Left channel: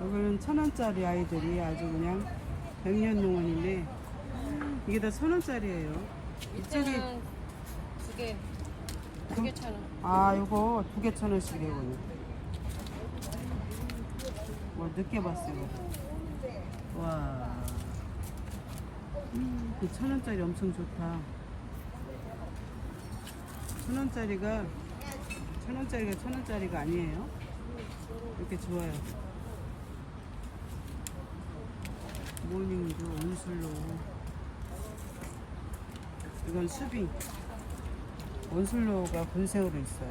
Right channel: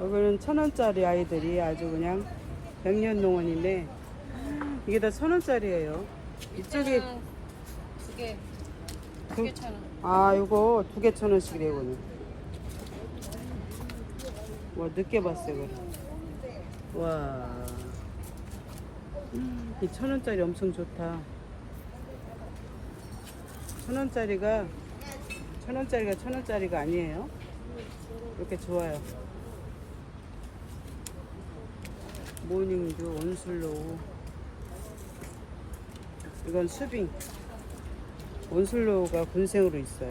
여기는 천 원짜리 아이들이 아주 그냥 백년 농원인데 이게 다 천 원짜리예요. 이쪽이 두개 두- 두개 천 원. 아 이거 두 개 천 원씩이래요. 와 늦게 봤어요. 이거. 와. 이 천 원짜리 엄청 좋다. 천 원짜리가 천 원짜리가 천 원짜리가 아니에요. 이렇게 좋아요. 모닝듀 온슬로우. 이건 수빙. 온슬로우가 군생으로 있어요.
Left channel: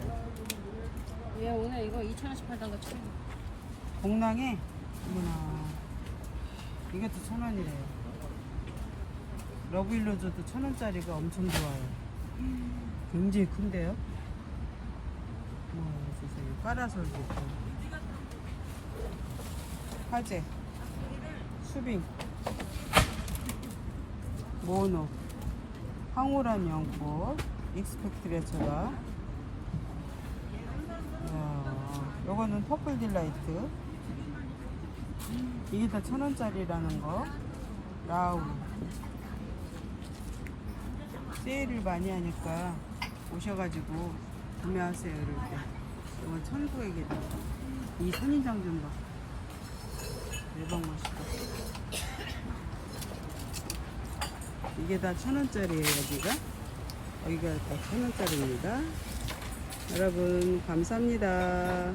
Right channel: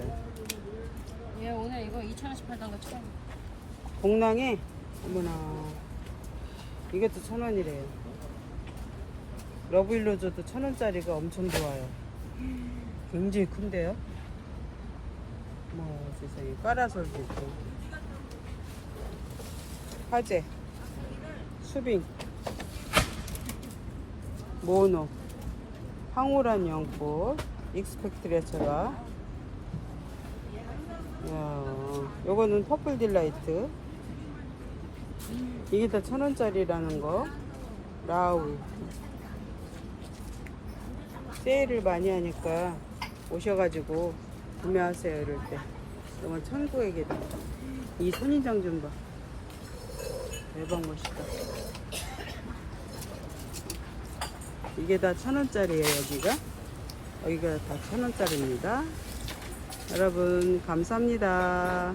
얘 오늘 이거 2천 원씩 판다는 거 처음. 공랑에 어머나 이것도 천 원이래요. 러브일로저도 천 원짜리가 엄청 좋아요. 굉장히 큰데요? 뭐 세상에 까라솔도 있고 화재 수빙 모노 황홀한 연꽃 익스펙트레처가. 야, 요거는 퍼플 딜라이트. 이게 다 천 원짜리라는 거. 라울 세일을 많이 하니까 오셔가지고 구매하세요 이럴 때. 이건 천구액이다. 이 선인장 좀봐. 대박 멋있다 이게 다 천 원짜리예요 여기가? 여기가 다 천 원짜리입니다. 여러분 감사합니다